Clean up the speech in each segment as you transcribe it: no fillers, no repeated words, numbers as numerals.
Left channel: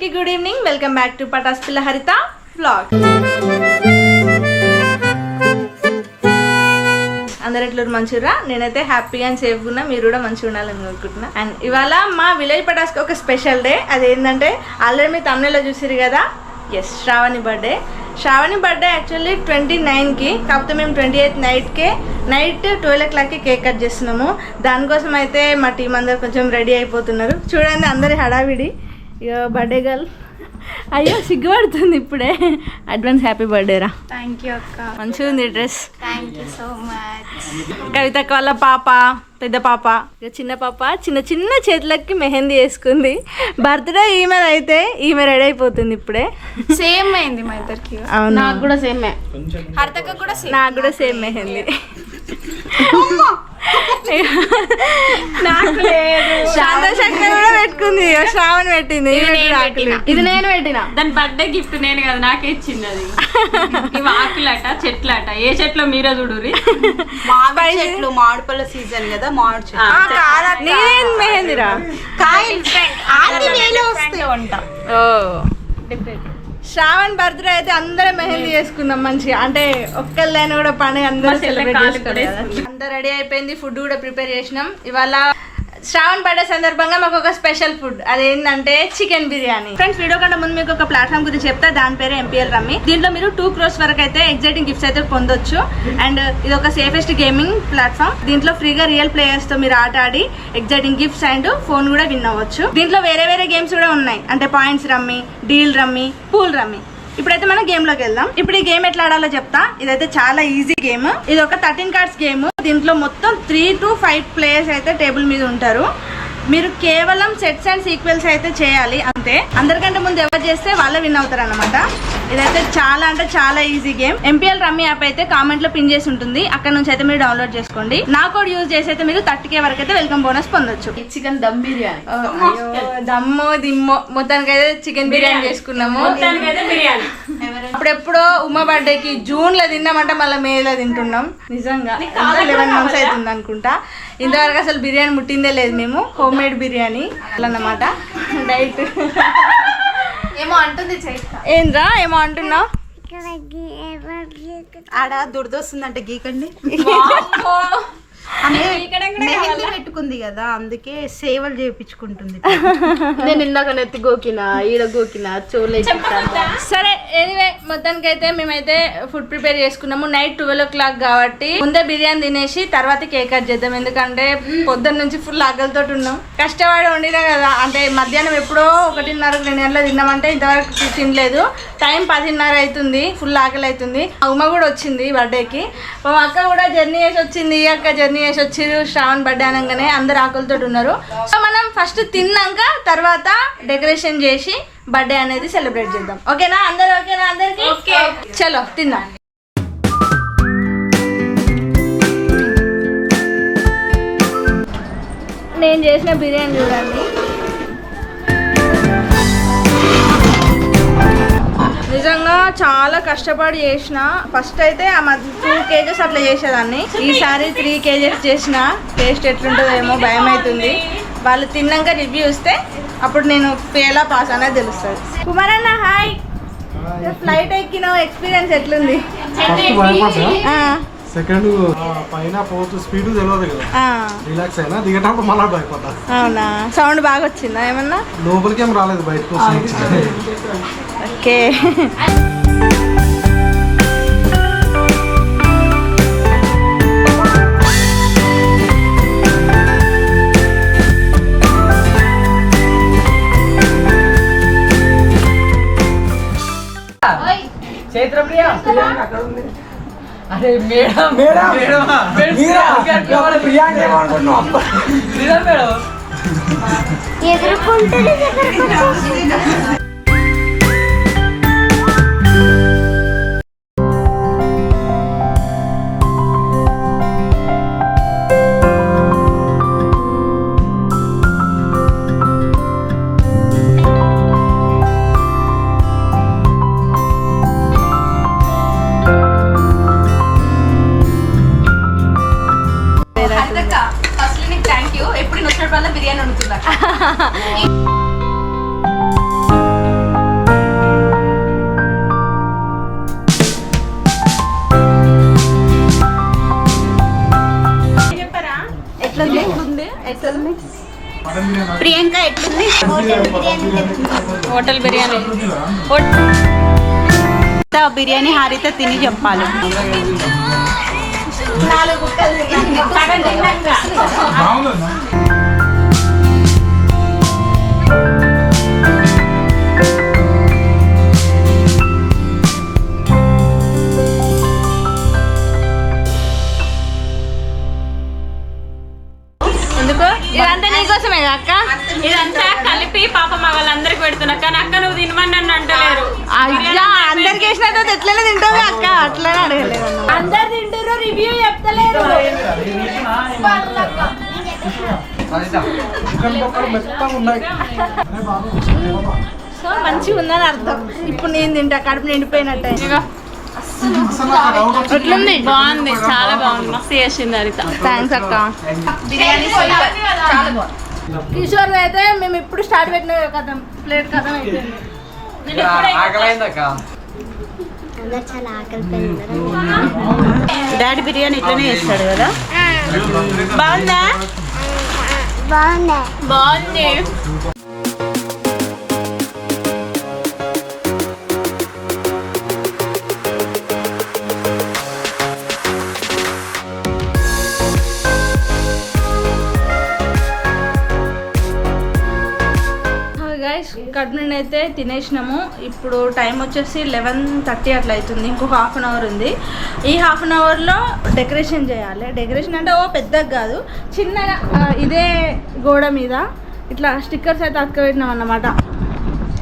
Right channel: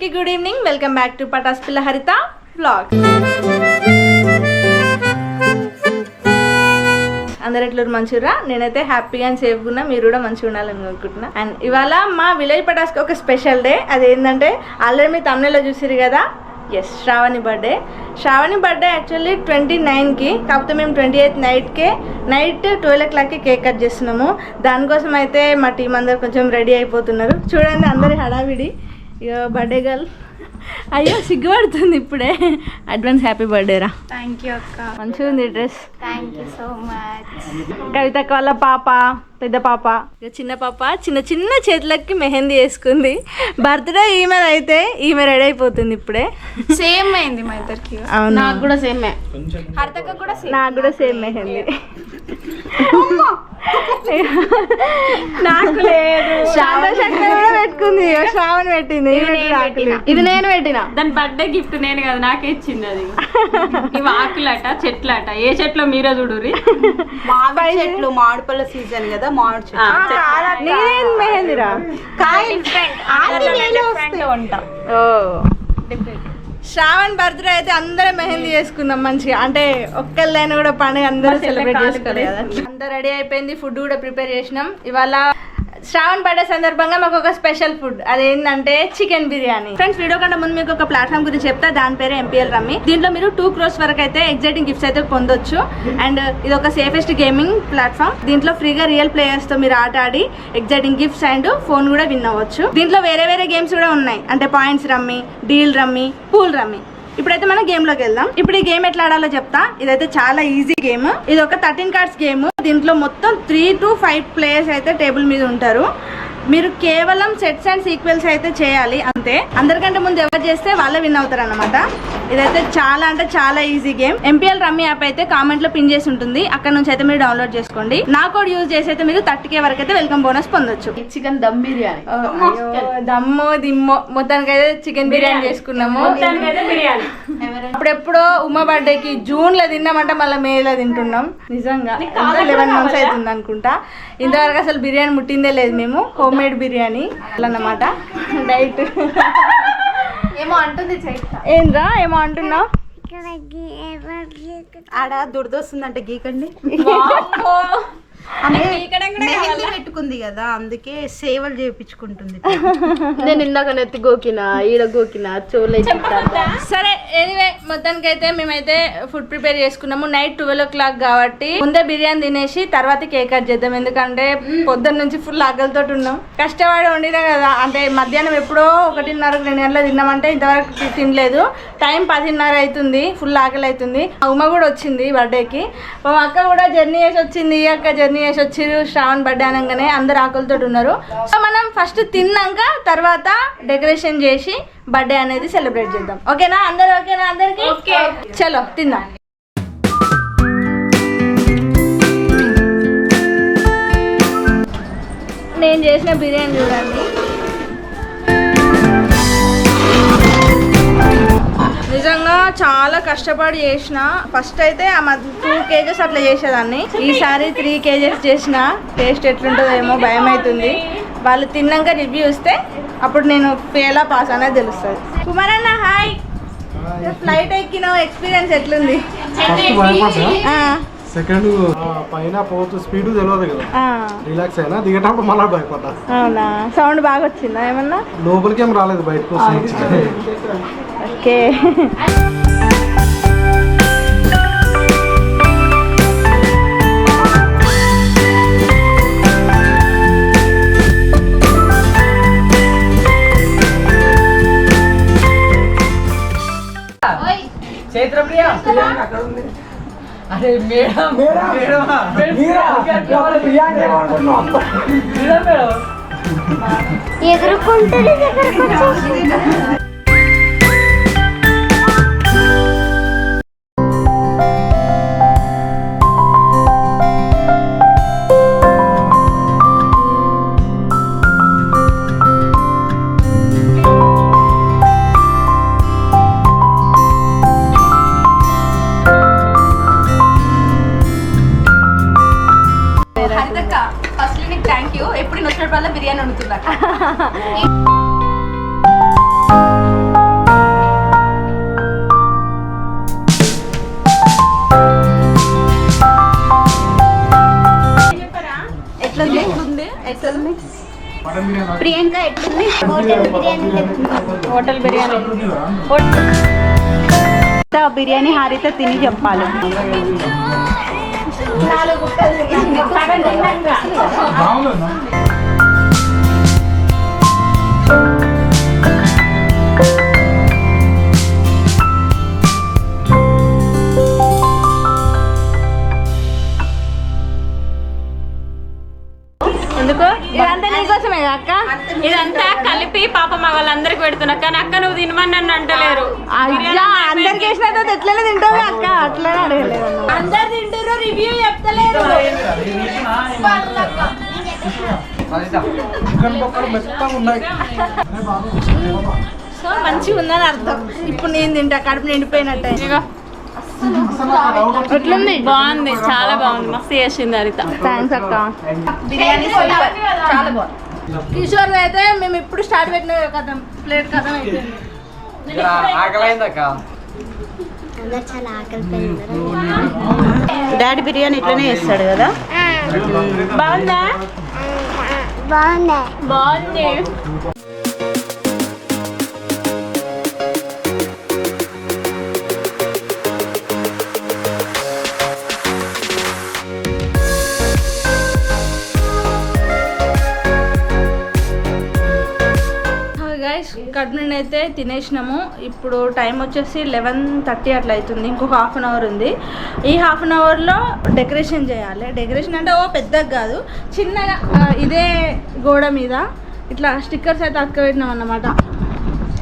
అందరికీ good evening. Welcome back to Patas Pilla Haritha vlog. అందరు ఎట్లా మంచిగా? నేనైతే హ్యాపీగా అండ్ సేఫ్గా ఉన్నా, మీరు కూడా మంచిగా ఉండాలని కోరుకుంటున్నా. అండ్ ఇవాళ మా విలేజ్ పటాస్కి ఒక స్పెషల్ డే. అదేంటంటే ఆల్రెడీ మీ తమిళలో చూసిరు కదా, S Shravani birthday. Shravani birthday actually 29కి, కాకపోతే మేము 28 నైట్ 12 o'clockకి కేక్ కట్ చేస్తున్నాము. దానికోసం అయితే మా టీం అందరు కొంచెం రెడీ అయిపోతున్నారు. చూడండి అందరి హడావిడి. ఇక బర్త్డే గర్ల్ అయ్యో సిగ్గుపడుతుంది ఇప్పుడే. అడ్వాన్స్ హ్యాపీ బర్త్డే రా. థ్యాంక్ యూ అక్క. మంచిగా ఉంది dress. Thank you so much. కవితక్క వాళ్ళ పాప, పెద్ద పాప, ఇక చిన్న పాప చిన్న చిన్న చేతులకి మెహందీ వేసుకుంది. బర్త్డే ఈమె అయితే ఈమె రెడీ అయిపోతుంది ఇప్పుడే. సేమ్ అయింది మా ఇద్దరికి. అవును, నాకు కూడా సేమ్. హరితక్క కూడా నాకు కూడా సేమ్ మెహందీ. నాకు లేదు. శాంతశక్తి కూడా పెట్టుకుంది, శ్రావణి పెట్టింది. ఇది నేను పెట్టిన. దాని బర్త్డే గిఫ్ట్ నేను కదా, నాకే ఇచ్చింది అది. ఇవి ఆకులట, చెట్లట. ఏ చెట్లో మీరే చూడురి. మామిడి చెట్లు, మామిడిపళ్ళ సీజన్ కదా, మామిడి చెట్లు. నేను మెహందీరా శ్రావణ్ బర్త్డే అయితే అందరం మెహందీ చేసుకున్నాం మంచిగా. అంటే ఒక్కళ్ళైనా కూడా పండుగ అందరూ సెలబ్రేట్ చేసుకోలేదు కదా. అంతా రెడీ అయిపోయింది, ఫుడ్ కూడా ప్రిపేర్ చేసినాం. ఇవాళ శ్రావణ్ బర్త్డే సందర్భంగా మాకు ఒక స్పెషల్ ఫుడ్, అదేంటంటే చికెన్ బిర్యానీ. ఫ్రెండ్స్, వీడియో కంటే ముందు మీకు ఒక ప్లాట్ఫామ్ గురించి చెప్తా. దాని పేరు MPL రమ్మీ. దీంట్లో మీరు 2 crores వరకు అయితే ఎగ్జైటింగ్ గిఫ్ట్స్ అయితే పొందొచ్చు. అండ్ ఇది ఒక సేఫెస్ట్ గేమింగ్ ప్లాట్ఫామ్. దీంట్లో ఫ్రీగా రియల్ ప్లేయర్స్ తో మీరు ఆట ఆడి ఎగ్జైటింగ్ గిఫ్ట్స్ అండ్ ఫోన్ కూడా విన్ అవ్వచ్చు. దీంట్లో వేరే వేరే గేమ్స్ కూడా ఉన్నాయి, అంటే points rummy, deal rummy, pool rummy. ఇప్పుడైతే మనం గేమ్ లోకి వెళ్దాం. ఇప్పుడు ఈ గేమ్ ఎట్లా ఆడాలో చెప్తా. ఇదైతే చాలా ఈజీ గేమ్. ఇది ఒక 13 cards గేమ్. దీంట్లో మొత్తం 3 to 5 players అయితే టేబుల్ మీద ఉంటారు. మీరు కేవలం సెట్స్ అండ్ సీక్వెల్స్ అయితే చేయాలి అంతే. అందరికంటే ముందు ఎవరు చేస్తే వాళ్ళే విన్ అవుతారు అన్నమాట. ఇదైతే చాలా అంటే చాలా easy game. MPL rummy app అయితే కామెంట్ లో పిన్ చేసి ఉంటుంది, అక్కడ నుంచి అయితే మీరు డౌన్లోడ్ చేసుకోండి. నా కోడ్ యూజ్ చేసి అయితే మీరు 30K వరకు అయితే వెల్కమ్ బోనస్ పొందొచ్చు. చికెన్ దమ్ బిర్యానీ. దమ్ము దిమ్మో మొత్తానికి అయితే చికెన్ బిర్యానీ చేసుకున్నాము. అప్పుడెప్పుడో ఉమా బర్త్డేకి జూన్ లో తిన్నామంటే మళ్ళీ మేలో తింటున్నాం. నిజంగా 11 months అవుతుంది అనుకుంటా. ఇంతవరకు అసలు బిర్యానీ ముట్టిందే లేదు మేము. హోమ్ మేడ్ బిర్యానీ అన్నమాట. డైట్ ఏమో అంటుంది. ఏంద్రా ఏమో అంటున్నావు? ఆడ దురదొస్తుందంటే గీకండి మెహందీ పెట్టుకుంది కదా, అందుకే సేవలు చేయించుకుంటుంది. నేను ఇందాక నెత్తి గోకినా, ఈడ గోకినా, చోలే. సరే, ఎనీవే మొత్తానికి అయితే మేమైతే ఫుడ్ ప్రిపేర్ చేసుకున్నాము. నైట్ 12 o'clock కాబట్టి ముందే బిర్యానీ తినేసి తర్వాత కేక్ కట్ చేద్దాం. ఎందుకంటే పొద్దున్న నుంచి ఫుల్ ఆకలితో ఉన్నాం. కష్టపడి వండినా కదా, అంటే మధ్యాహ్నం ఎప్పుడో 1:30 2 గంటల తిన్నామంటే ఇంతవరకు తినలేదు. టైం 10:30 అవుతుంది. ఫుల్ ఆకలి అవుతుంది. ఉమ్మ కూడా వచ్చింది బర్త్డేకి. మా అక్క కూడా జర్నీ చేసి వచ్చింది. ఈ అక్క జర్నీ చేసి వచ్చిర్రు. శ్రావణ్ బర్త్డే అనగానే అందరు ఆకలితో ఉన్నారు. సో మనం ఫస్ట్ తిన్నాక తర్వాత డెకరేషన్ చేసి బర్త్డే అనేది సెలబ్రేట్ చేద్దాం. ఓకేనా అందరు? ఓకేనా అందరికి? చలో తిందాం. నేను చేసిన బిర్యానీ చూడండి. నిజంగా చాలా కష్టపడి చేసిన. ఫస్ట్ అయితే ఆ 2 kgs అట్లా చేసేదాన్ని. ఈసారి 3 kgs చేసిన. టేస్ట్ ఎట్లుంటుందో ఏమో భయం అవుతుంది. వాళ్ళు తిన్నాక రివ్యూ ఇస్తే అప్పుడు నేను ఫెయిల్ పాస్ అనేది తెలుస్తుంది. కుమార్ అన్న హాయ్. ఫ్లైట్ ఎక్కిన ఎక్స్పీరియన్స్ ఎట్లుంది? సెకండ్ పైన పోతూ స్పీడ్ తెలియదు కదా, రిలాక్స్ అయినా దిగేటప్పుడు మళ్ళీ భయపడ్డా. అవునా? సౌండ్ బాగా వచ్చిందా ఏమన్నా? లోపలికి ఏం రాలేదు, బయటకు ఓకే. అరే మేడం ఎదుర్కొంటే బిర్యానీ వండుతున్నా. ప్రియాంక ఎట్లుంది? హోటల్ బిర్యానీ బిర్యానీ హారిత తిని చెప్పాలి. ఎందుకు ఇదంతా నీకోసమే అక్క. ఇదంతా కలిపి పాప మా వాళ్ళందరికి పెడుతున్నా, కానీ అక్క నువ్వు తినమని నన్ను అంటలేరు. అయ్యా అందరికి వేసిన తర్వాత ఎట్లనే తింటావు అక్క, అట్లనే అడగలేదు. అందరు తింటారు, రివ్యూ చెప్తలేరు. సో మంచిగా ఉందని అర్థం. ఇప్పుడు నేను తింటా, కడుపు నిండిపోయినట్టే. ఎట్లుంది? బాగుంది, చాలా బాగుంది, మస్తు చేసింది హరిత. థ్యాంక్స్ అక్క. కిషోర్ అయితే మేము ఇప్పుడు స్టార్ట్ పెట్టిన కథ ప్లేట్ కథ అయిపోయింది. డాడీ బిర్యానీ ఇట్లనే చేస్తాడు కదా. బాగుందా? బాగుంది. గైస్ కడుపు నుండి అయితే తినేసినాము. ఇప్పుడు టైం వచ్చేసి 11:30 అట్లా అవుతుంది. ఇంకొక హాఫ్ అన్ అవర్ ఉంది. ఈ హాఫ్ అన్ అవర్లో డెకరేషన్ చేయాలి. డెకరేషన్ అంటే పెద్దగా కాదు, చిన్నగా ఇదే గోడ మీద ఇట్లా స్టిక్కర్స్ అయితే అతుకబెట్టినాం అన్నమాట.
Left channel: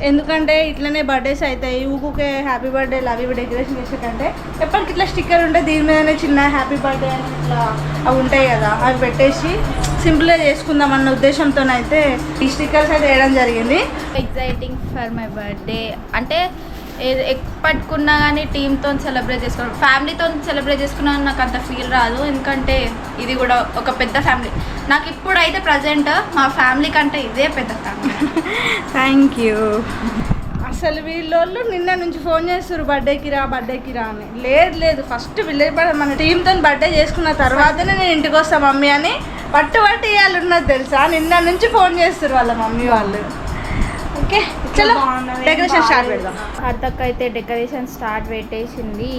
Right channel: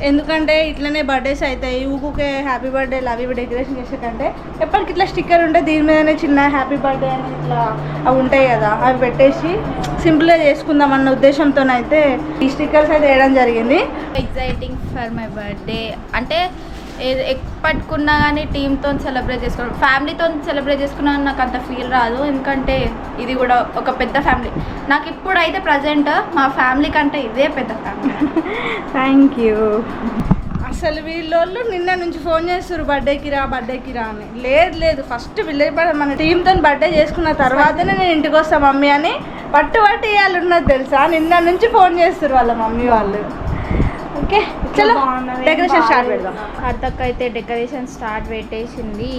ఎందుకంటే ఇట్లనే బర్త్డేస్ అవుతాయి, ఊకే హ్యాపీ బర్త్డేలు అవి డెకరేషన్ చేసే కంటే ఎప్పటికి ఇట్లా స్టిక్కర్ ఉంటే దీని మీదనే చిన్న హ్యాపీ బర్త్డే అని ఇట్లా అవి ఉంటాయి కదా, అవి పెట్టేసి సింపుల్గా చేసుకుందాం అన్న ఉద్దేశంతో అయితే ఈ స్టిక్కర్స్ అయితే వేయడం జరిగింది. ఎగ్జైటింగ్ ఫర్ మై బర్త్డే అంటే ఎప్పటికున్నా కానీ టీమ్తో సెలబ్రేట్ చేసుకోవడం, ఫ్యామిలీతో సెలబ్రేట్ చేసుకున్నా నాకు అంత ఫీల్ రాదు. ఎందుకంటే ఇది కూడా ఒక పెద్ద ఫ్యామిలీ. నాకు ఇప్పుడైతే ప్రజెంట్ మా ఫ్యామిలీ కంటే ఇదే పెద్ద ఫ్యామిలీ. Thank you. అసలు వీళ్ళు నిన్న నుంచి ఫోన్ చేస్తారు బర్త్డేకి రా అని. లేదు ఫస్ట్ విలేజ్ మన టీంతో బర్త్డే చేసుకున్న తర్వాతనే నేను ఇంటికి వస్తాను మమ్మీ అని పట్టు ఇవాళ ఉన్నది తెలుసా. నిన్న నుంచి ఫోన్ చేస్తారు వాళ్ళ మమ్మీ వాళ్ళు. ఓకే చలో డెకరేషన్ స్టార్ట్ పెడదాం. హరితక్క అయితే డెకరేషన్ స్టార్ట్ పెట్టేసింది.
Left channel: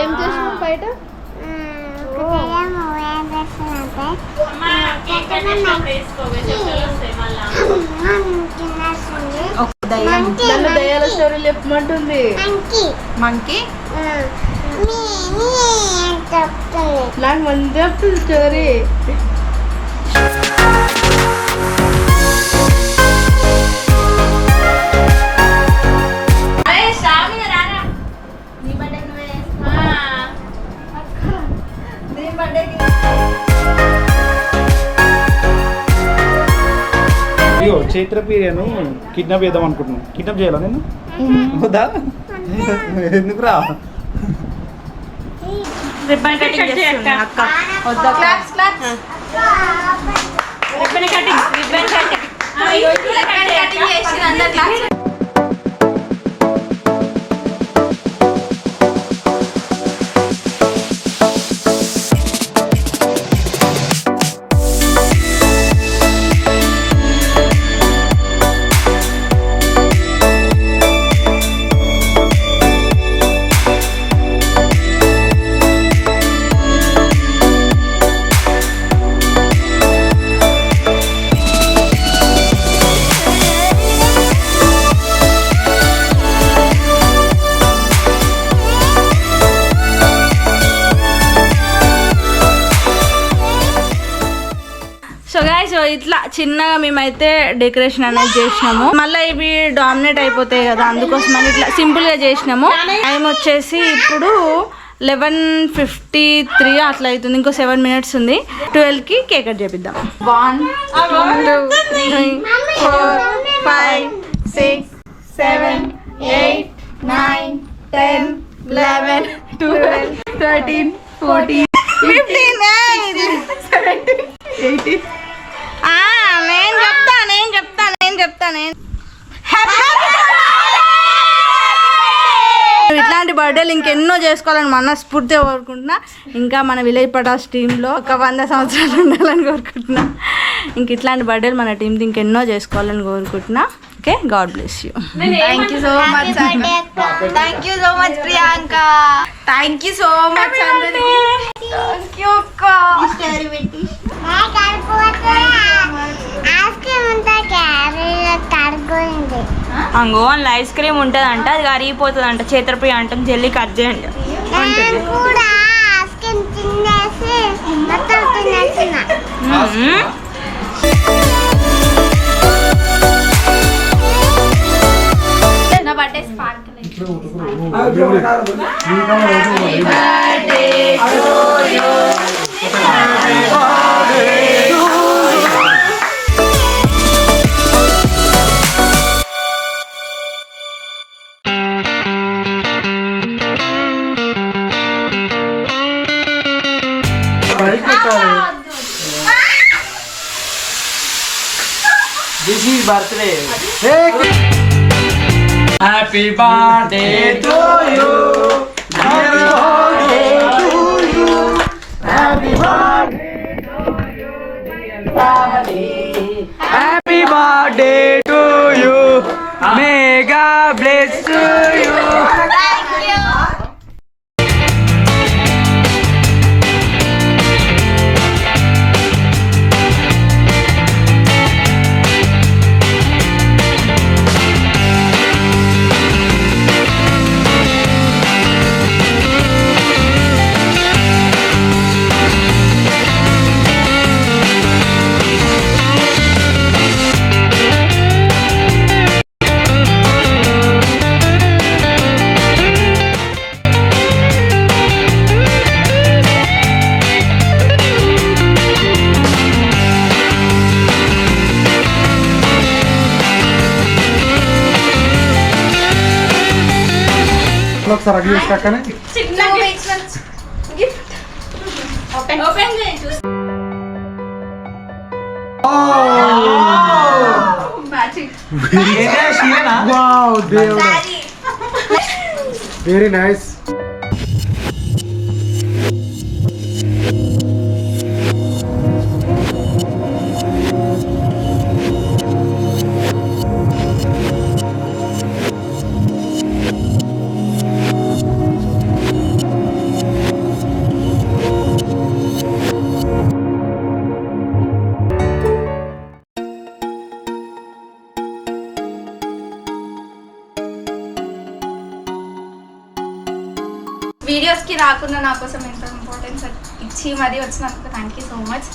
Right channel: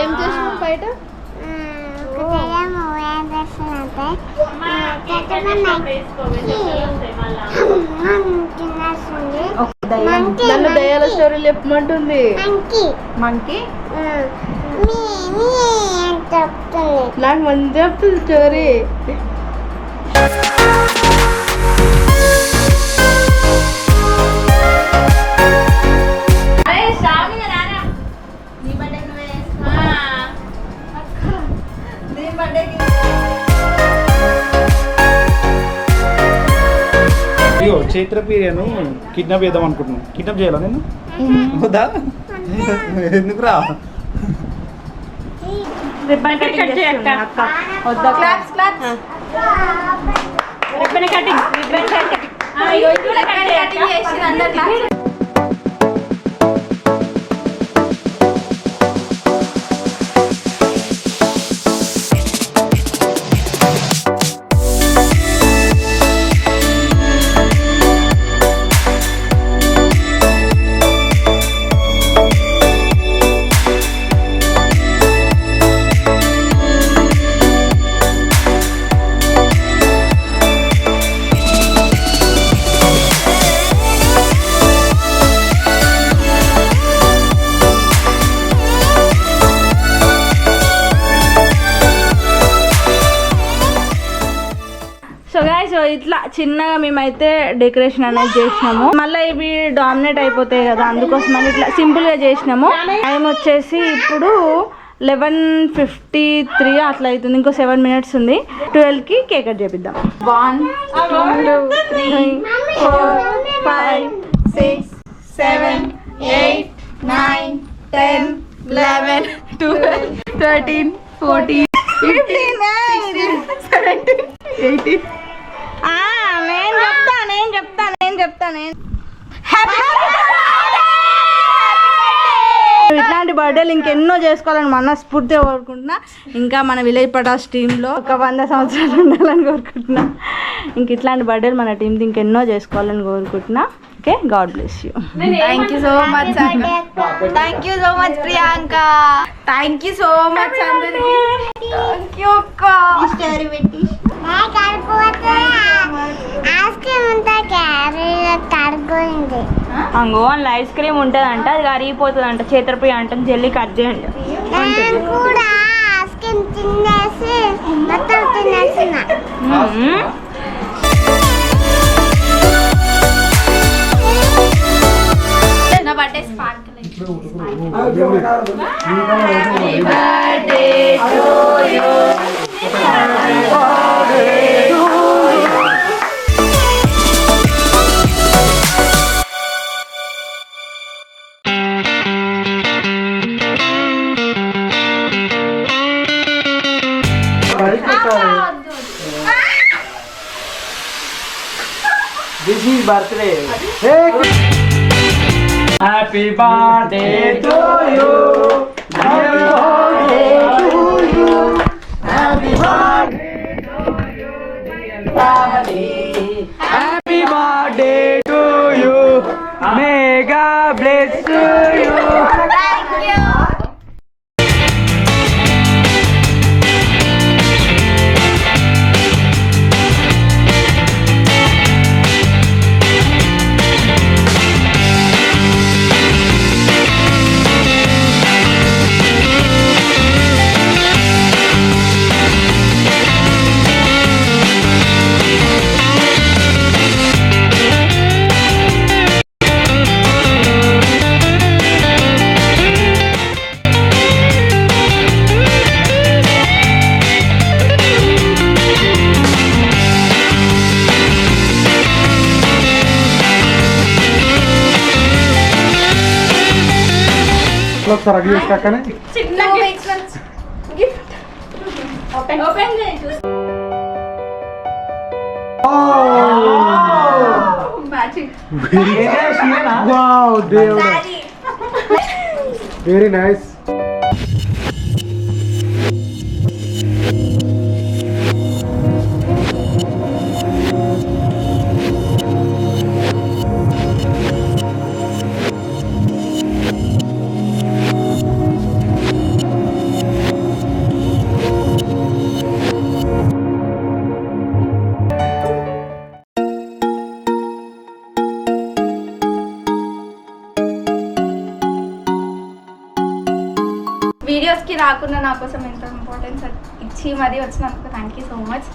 ఏం చేసినావు బయట? నన్ను దయాల స్టోరీలు చెప్పమంటుంది. మంకీ నాకు మంచి చెప్తుంది స్టోరీ. అయ్యో చైత్ర పీరియను కిడ్నాప్ చేద్దాం అనుకుంటున్నాను. కిడ్నాప్ చేయాలా నేను? వద్దా? ఎందుకు రా? రిబ్బన్ కటింగ్ చేయక్క. రిబ్బన్ కటింగ్ ఇట్లా చిన్నగా మేమైతే డెకరేషన్ అనేది చేసినాము. మళ్ళీ ఇవి డామినేట్ అయిపోతాయి కదా, అందుకోసం అని ఇట్లా సింపుల్గా చేసినాము. టైం వచ్చేసి ఇప్పుడు 11:53 అట్లా అవుతుంది. ఇంకో 7 minutes ఉంది. 12కి కేక్ కట్ చేపిద్దాం. 1 2 3 4 5 6 7 8 9 10 11 12 13 14 15 చెప్తానే. ఇట్లాంటి బర్త్డేలు ఇంకెన్నో చేసుకోవాలని మనస్ఫూర్తిగా కోరుకుంటున్నా. ఇంకా మన విలేజ్ పటాస్ టీంలో ఒక 100 సంవత్సరాలు ఉండాలని కోరుకుంటున్నా. ఇంక ఇట్లాంటి బర్త్డేలు మన టీంతో ఇంకెన్నో చేసుకోవాలని కోరుకుంటున్నా. Okay, God bless you. Thank you so much thank you so much Priyanka. Thank you so much అందరికి. థ్యాంక్ యూ అక్క. అంగో అందులో ఐస్ క్రీమ్ ఉంటుందంట, అది కరిగిపోతుందంట. చేతరప్రియ అంటాం, జల్లి కట్ చేయండి. నా birthday spark This is birthday. Happy birthday to you. Happy birthday to you. Happy birthday to you, dear Daddy. Happy birthday to you. May God bless you. ఒకసారి అడిగి కాకనే వెరీ నైస్. వీడియోస్కి రాకుండా నా కోసం ఎంత ఇంపార్టెన్స్ ఇచ్చి మరీ వచ్చినందుకు thank you so much.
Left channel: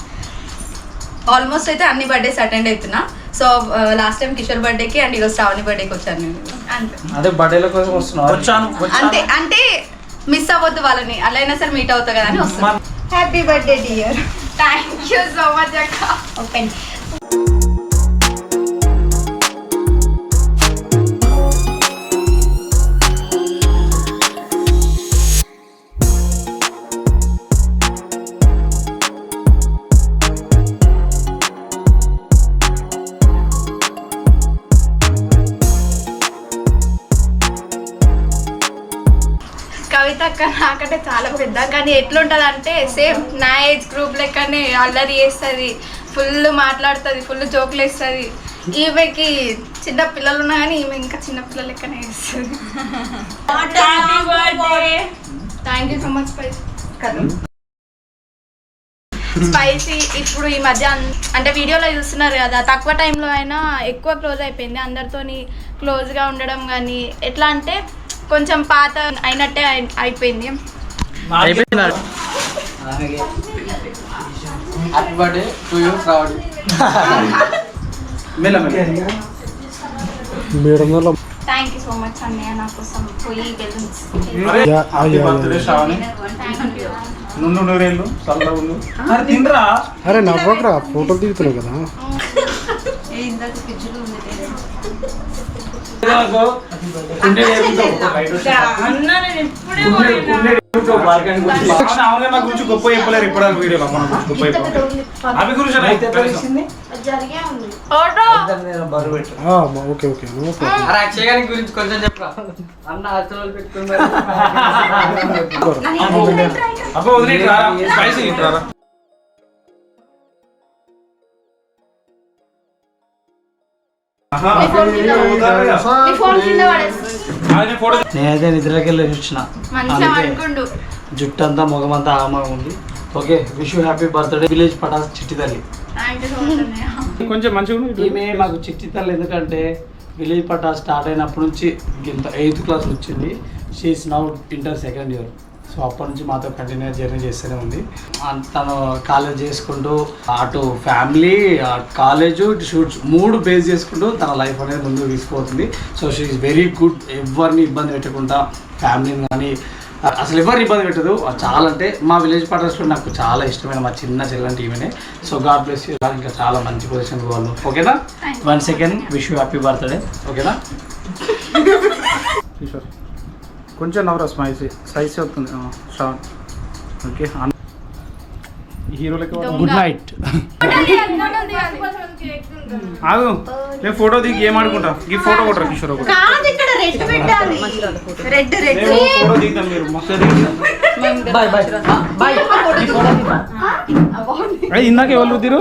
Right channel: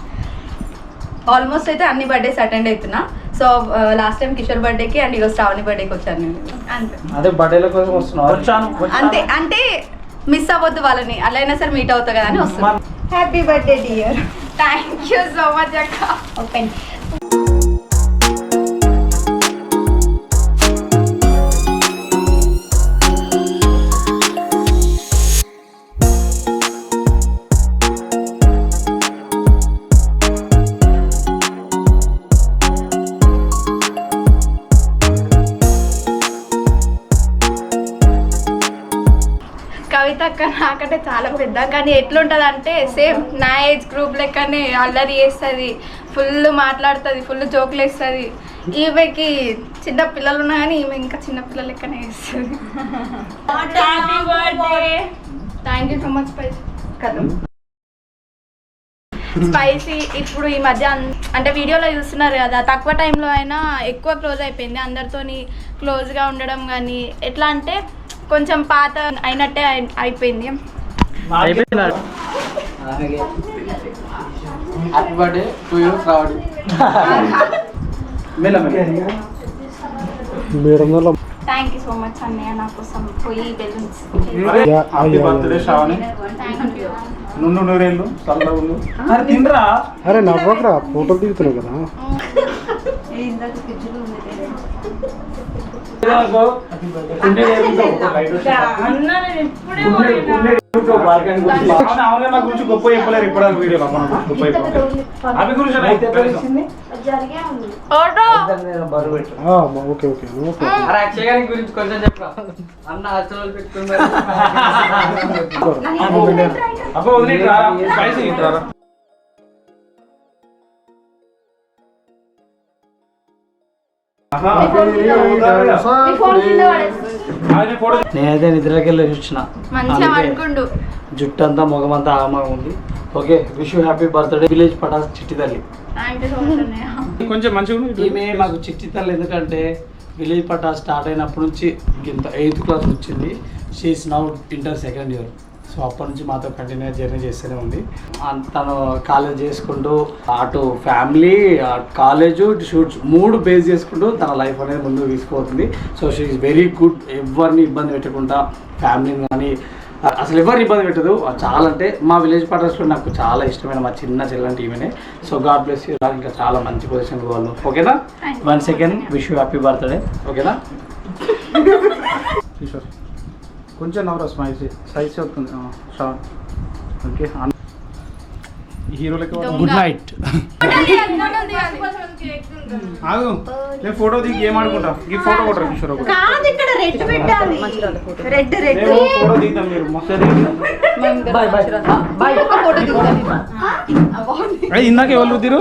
Almost అయితే అన్ని బర్త్డేస్ అటెండ్ అవుతున్నా. సో లాస్ట్ టైం కిషోర్ బర్త్డేకి అండ్ ఈరోజు శ్రావణి బర్త్డేకి వచ్చాను నేను. అంతే అదే బర్త్డేల కోసం వస్తున్నాను. అంతే అంటే మిస్ అవ్వద్దు వాళ్ళని, అలా అయినా సరే మీట్ అవుతా కదా అని వస్తున్నాను. Happy birthday dear. Thank you so much అక్క. ఓపెన్. కవిత అక్క నాకంటే చాలా పెద్ద, కానీ ఎట్లుంటుంది అంటే సేమ్ నా ఏజ్ గ్రూప్ లెక్కనే అల్లరి చేస్తుంది, ఫుల్ మాట్లాడుతుంది, ఫుల్ జోకులు వేస్తుంది. ఈమెకి చిన్న పిల్లలు ఉన్నా కానీ ఈమె ఇంకా చిన్న పిల్లల లెక్కనే వేస్తుంది. Thank you so much spicy. ఇప్పుడు ఈ మధ్య అంటే వీడియోలో చూస్తున్నారు కదా, తక్కువ టైంలో అయినా ఎక్కువ క్లోజ్ అయిపోయింది. అందరితోని క్లోజ్గా ఉండడం కానీ ఎట్లా అంటే కొంచెం పాత అయినట్టే అయిపోయింది. Happy birthday to you Shravani. Thank you so much అన్నయ్య నా కోసం పోయి balloons. Happy birthday Shravani. Thank you. నుండు నూరేళ్ళు చల్లగా ఉండు. అరే తినరా. అరే నవ్వకరా, ఫోటోలు దిగుతున్నావు కదా. నా గురించి గొప్ప చెప్పలేరు ఇప్పుడు వీడియోలో. మన గొప్ప అవి గురించి ఓకే ఓకే ఓకే గురించి కొంచెం చెప్పరా అన్న హాస్టల్ పెట్టుకుని అబ్బా వదిలేండి రారా స్పైసీ రారా నేనైతే నిద్రకి వెళ్ళి వచ్చిన మంచిగా అనుకుండు జుట్టు అంతా ముఖమంతా ఆమగా ఉంది. Okay wish you happy birthday village పటాస్ చిట్టి తల్లి. కొంచెం మంచిగా ఉంది. ఈమె మాకు చిట్టి తల్లి ఎందుకంటే విలేజ్ పటాస్ స్టార్ట్ అయినప్పటి నుంచి ఇంత 8th క్లాస్ వచ్చింది. She is now inter 2nd year. So అప్పటి నుంచి మాతో కంటిన్యూ జర్నీ చేస్తూనే ఉంది. తను కాలేజ్ చేసుకుంటూ అటు ఫ్యామిలీ కాలేజు షూట్స్ 3 బేస్ చేసుకుంటూ తన లైఫ్ అనేది ముందుకు తీసుకుపోతుంది. So she is very good. ఎవరిని ఇబ్బంది పెట్టకుండా ఫ్యామిలీని కానీ అసలు ఎవరిని ఇబ్బంది పెట్టదు. చాలా అంటే మా విలేజ్ పార్టర్స్లో నాకు చాలా ఇష్టమైన మా చిన్న చెల్లంటి ఈమెనే. So god bless you. ఇంకా చాలా మంచి పొజిషన్ వాళ్ళు. ఓకేనా? 1 second wish you happy birthday. ఓకేనా? కిషోర్ కొంచెం నవరా స్పైసీ అవుతుంది శ్రావణ్. ఓకే హీరో లెక్క గుడ్ నైట్. ఆగు నేను ఫోటో దిగి ఏం ఆడుకుంటా. ఈ ఫోటో కొట్టరు కిషోర్ ఒకటి. కాదు ఇక్కడ రెడ్ పెట్టాలి. రెడ్ రెడ్ ఫోటో దిగుతాం మీరు మొత్తం బాయ్ బాయ్ బాయ్. ఇందాక ఎవరు రుద్దిరు